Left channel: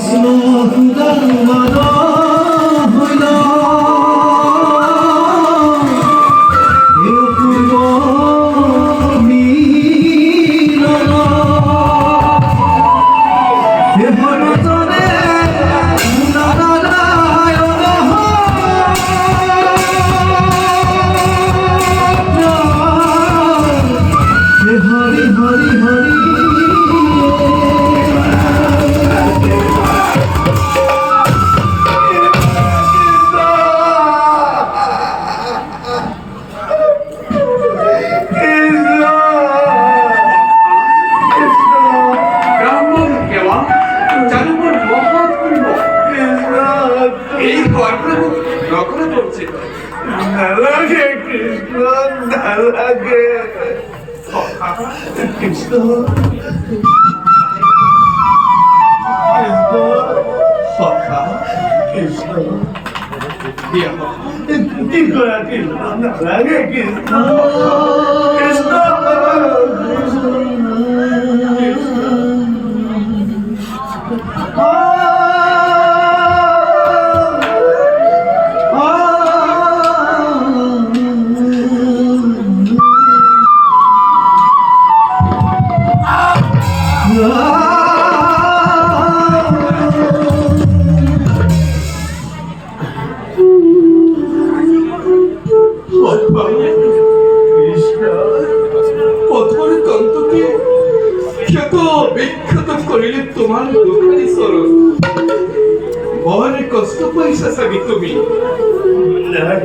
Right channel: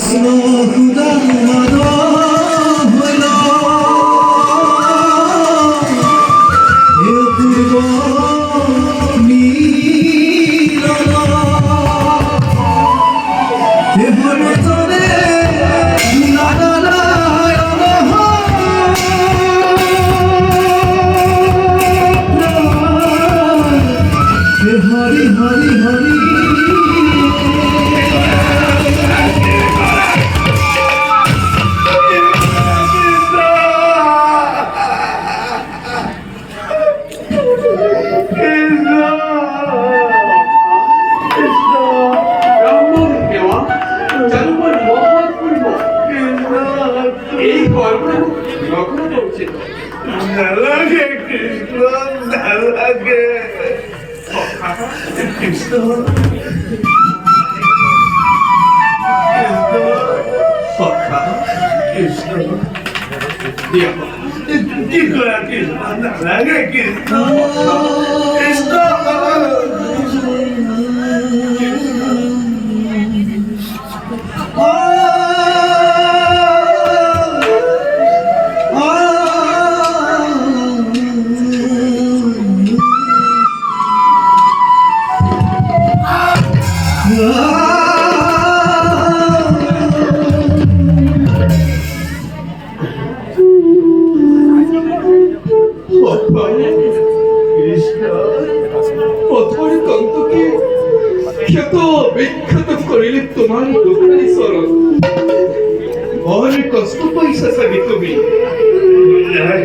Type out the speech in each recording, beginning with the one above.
Krishna Sudan Madhav হইল পূর্ব মিলন হেমনতনে হরি হরি হরি নালাগে কৃষ্ণ নালাগে কৃষ্ণ কৃষ্ণ কি করা কৃষ্ণ নালাগে কৃষ্ণ কৃষ্ণ করিলে তোমার দুঃখারি স্মরণ বড় কষ্ট পয়সা সাবি তুমি নাই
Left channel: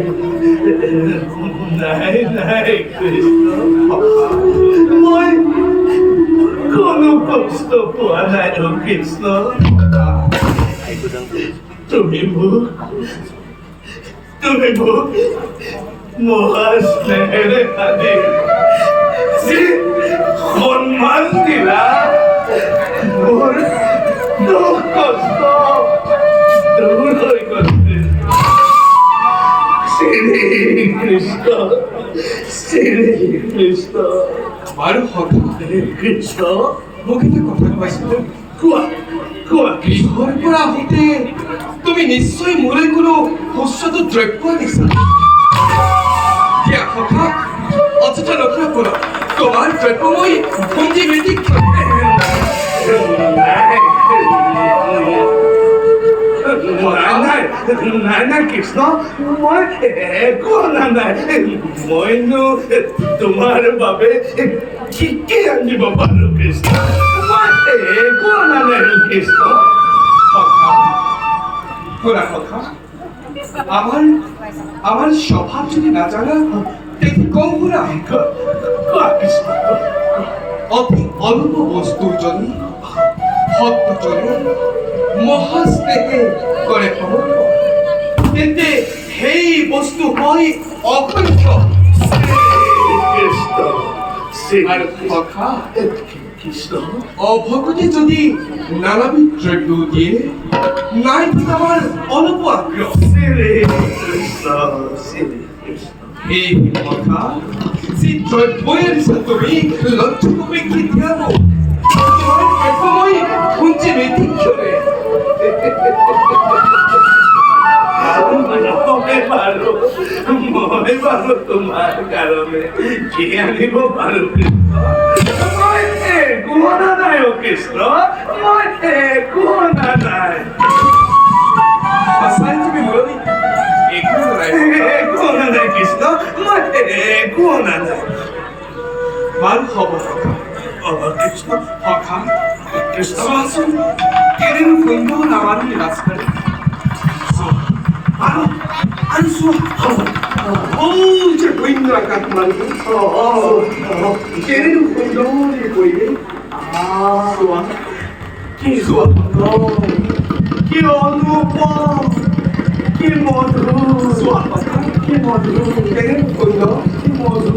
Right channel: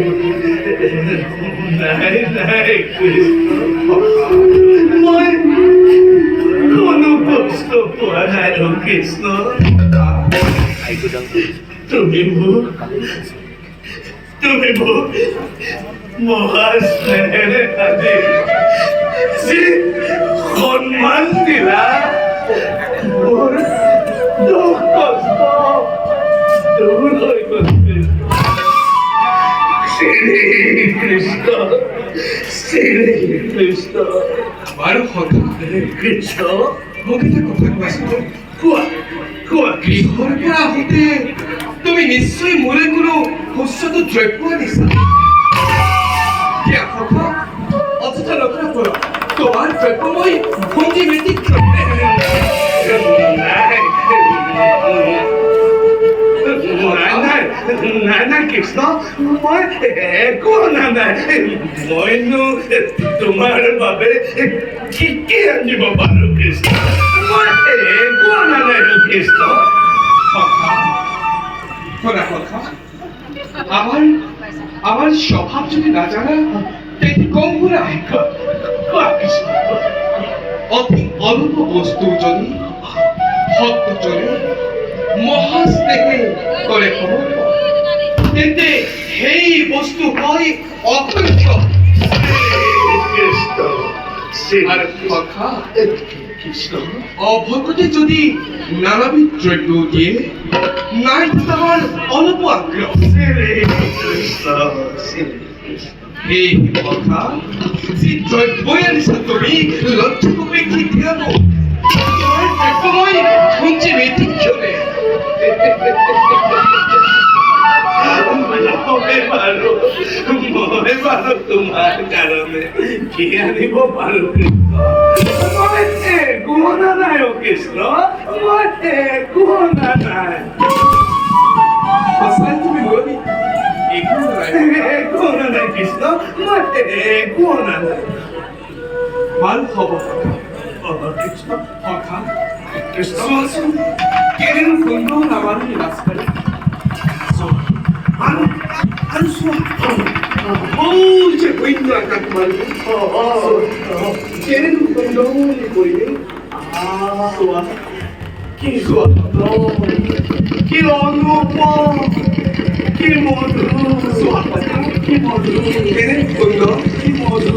নাই নাই কৃষ্ণ মই কোনো কষ্ট পোৱা নাই কৃষ্ণ তুমি মোক মহাস্নেহেৰে আদি যি সন্মান দিলা মোৰ দুখ কষ্ট দূৰ হৈ গৈছে শ্ৰী কৃষ্ণ আৰু কথা কৃষ্ণ মোক এটা কথা কৈছিলো কোৱা কোৱা গৃহৰ পৰা আহোঁতে তুমি নিশ্চয় মোৰে কোনো সুস্বাদু দ্ৰব্য দিছা দিয়া কথা অযথা নকৰা পৰা তোমাৰ দ্ৰব্য মই ভঞ্জি মেটি নাই কৃষ্ণ মই একো অনা নাই মইনো তোমাৰ বাবে কি কি আনিব পাৰো কৃষ্ণ মই একো অনা নাই কৃষ্ণ শুনা কথা আমার স্বভাব যদি না জানা তেমনি কম করে কৃষ্ণ অতি অল্প বস্তু যদি সত্যজনে মহাস্নেহে করে খবর তেন্তে সেই বস্তু হয় অকথ্য কৃষ্ণ আর কথা কৃষ্ণ অভগতে যদি নানাবিধ দ্রব্য দিয়ে নাই আমার অল্প আগ্রহ এই কথা যে দ্রব্যই আনিছা তুমি লক্ষ্য করে কি দিয়াব তোমার দ্রব্যময় শুনছে ব্যতিক্ষণে মই পাৰো তোমাৰ কাৰণে কি আনিব পাৰো মই একো অনা নাই কৃষ্ণ মই একো অনা নাই সঁচাই তুমি মুৰলী একো অনা নাই কৃষ্ণ মই একো অনা নাই ভাল হ'ব কৃষ্ণ সখা কৃষ্ণ চোৱাচোন কেনেনো সুন্দৰ আমাৰ ৰাস্তাৰে আৰু চোৱা যে শূন্য আকাশ তোমালোকে কেনেনো সুন্দৰ কৰিবে চোৱা কি সুন্দৰ কি অনুপম কি মধুৰ চোৱা কথা কি মধুৰ কেনে সুন্দৰ কি মধুৰ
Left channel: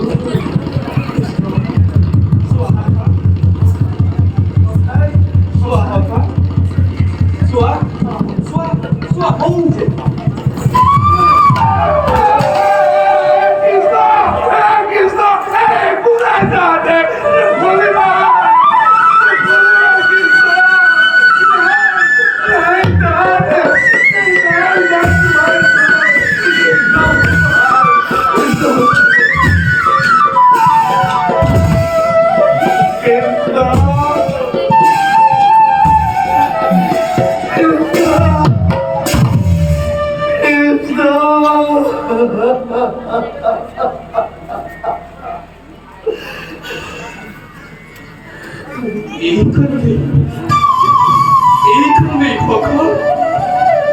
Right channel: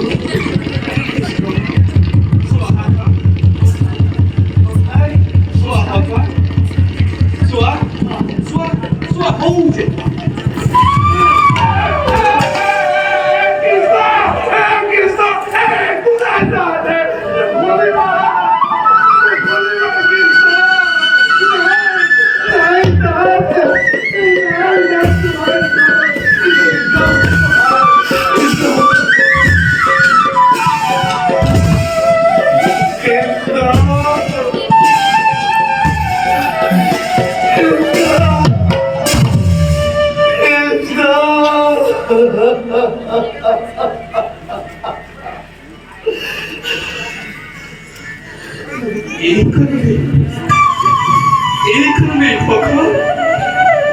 এইকাৰণে ভগৱান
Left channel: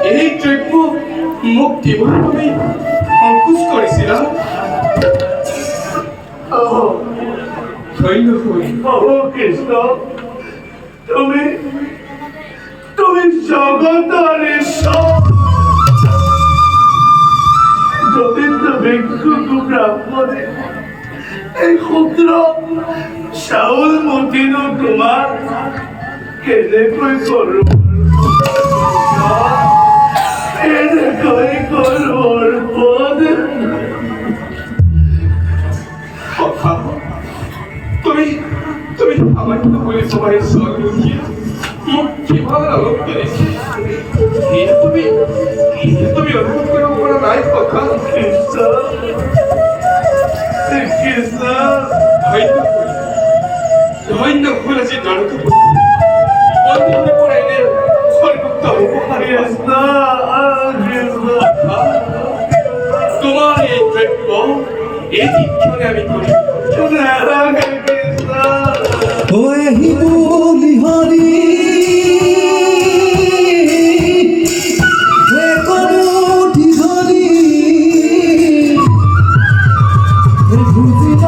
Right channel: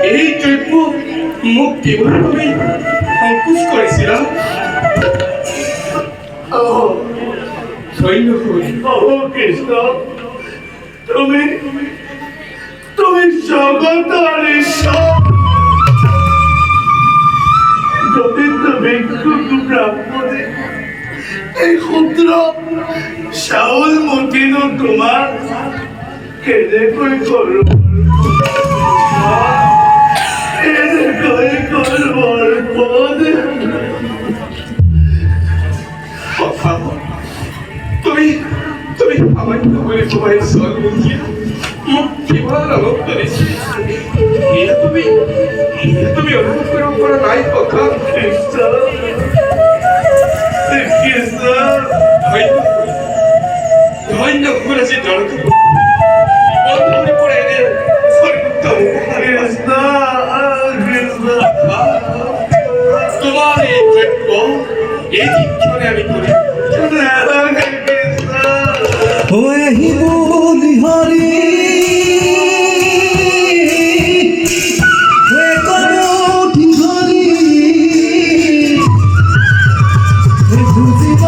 এই দ্ৰব্য মোক দিবলৈ তুমি সংকোচ কৰিছিলা কৃষ্ণ তুমি তুমি জগতৰ ঈশ্বৰ যদি তুমি ব্ৰাহ্মণে এই সূত্ৰ চাউল মুঠিনো তোমাক কেনেকৈ কৰোঁ কেনেকৈ কৰোঁ তুমি তুমি সামান্য কৰি তোমায় স্বৰ্গী মোক কিমান অলপ কৰিছে তুমি অনুভৱ কৰিব পৰা নাই কথা ধন্য ভুল আছে জনতা বন্ধুৰ পৰা এনে সৰ্বোত্তম তোমাৰ এই দ্ৰব্য এই শিক্ষণে আমি কৰিম ওহি বুলি হৰি কৰুঠি ধৰি বুজিব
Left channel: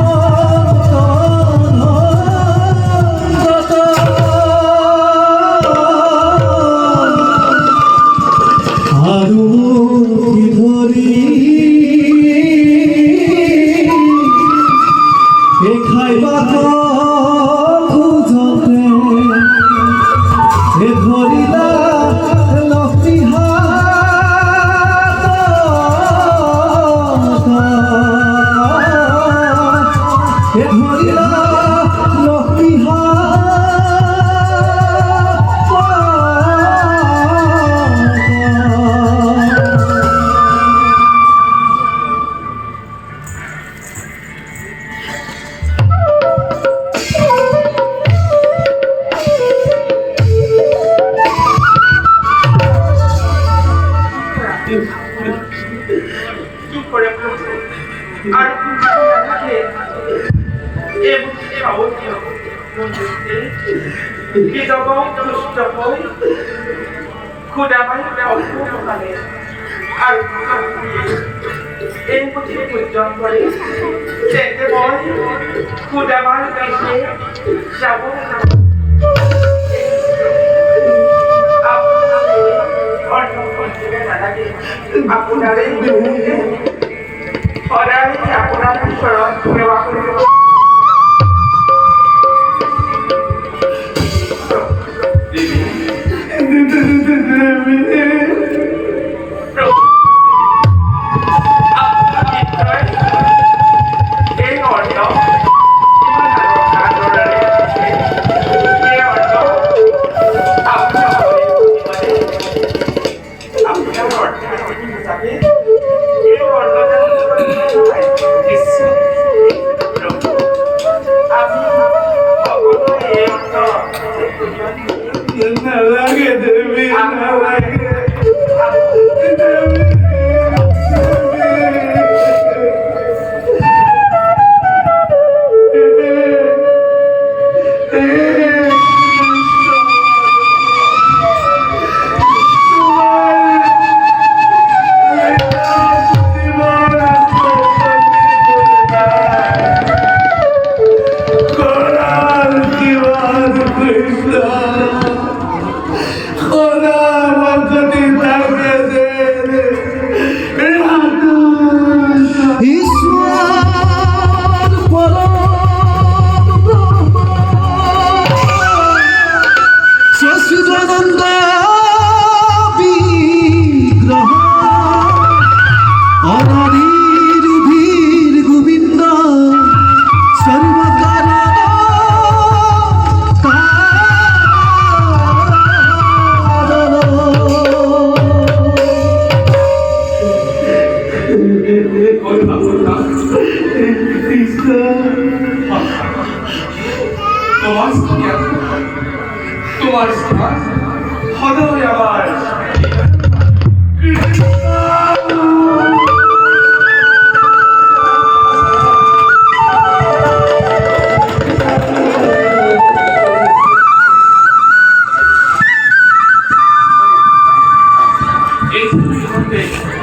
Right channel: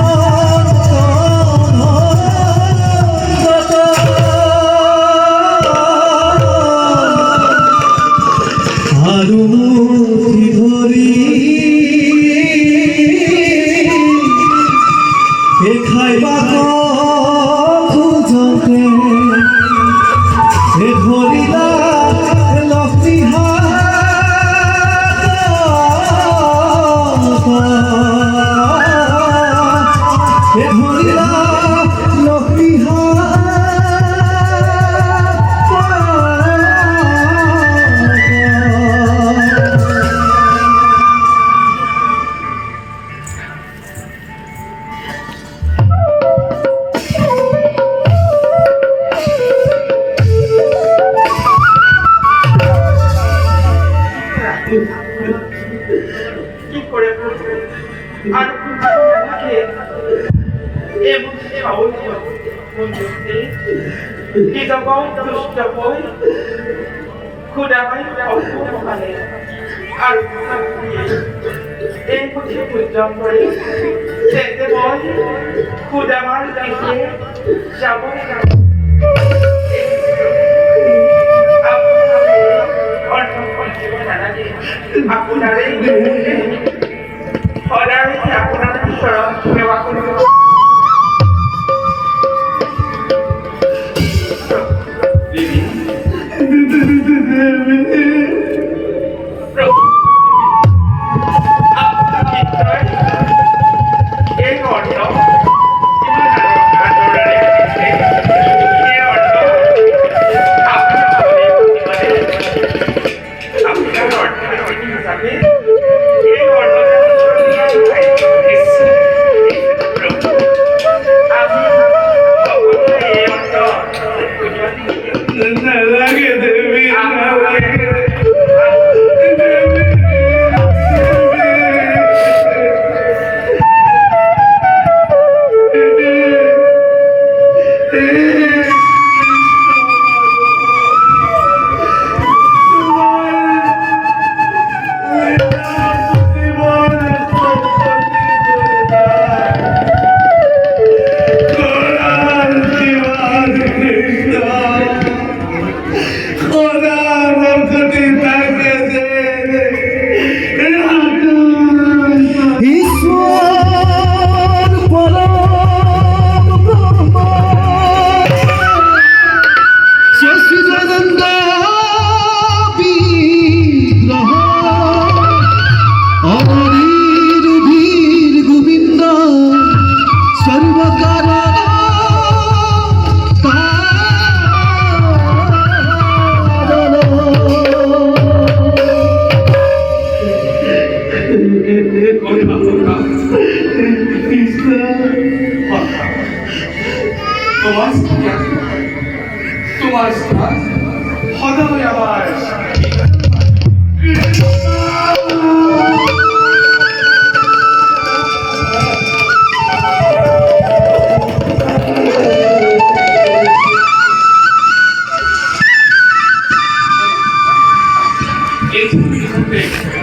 আৰু মুঠি ধৰি খাইবা খোজতে ধৰিলা লক্ষ্মী ধৰিলা লক্ষ্মী কি করে আর আমাকে এবং বিধবাও দুষ্ট হই খুদামাই অল্পকালে আৰু এই পুথি পূজন কৰি তেন্তে মই খুদামাৰ পিছে যাব আপোনাৰে সদায় আপোনাৰ ওচৰত সেৱা কৰিব এই অৰ্থ কিমান আদৰেৰে দিছে এই অৰ্থ আপোনাৰ অৰ্থ হিচাপে এই অৰ্থটো আমি সকলোৱে এই অৰ্থ নালাগে দেৱী নালাগে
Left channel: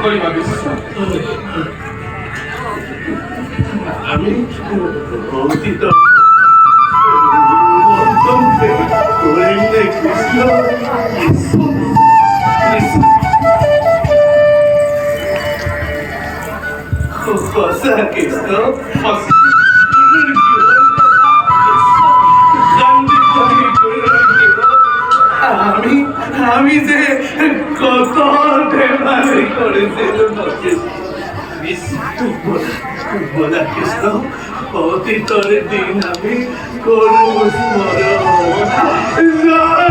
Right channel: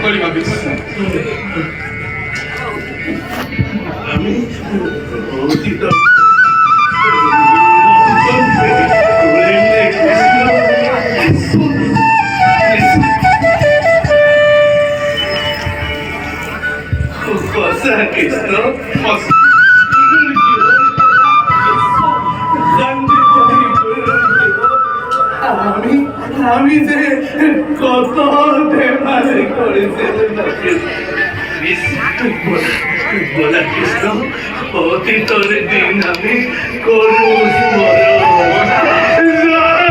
নকৰিবা বিশ্বাস আমি অতীত করিলে কৃষ্ণ সঁচা কৃষ্ণ আমি যে কত ধেমালি করেছিলাম বলা কৃষ্ণ অতীতর দিন আমি করু স্মরণ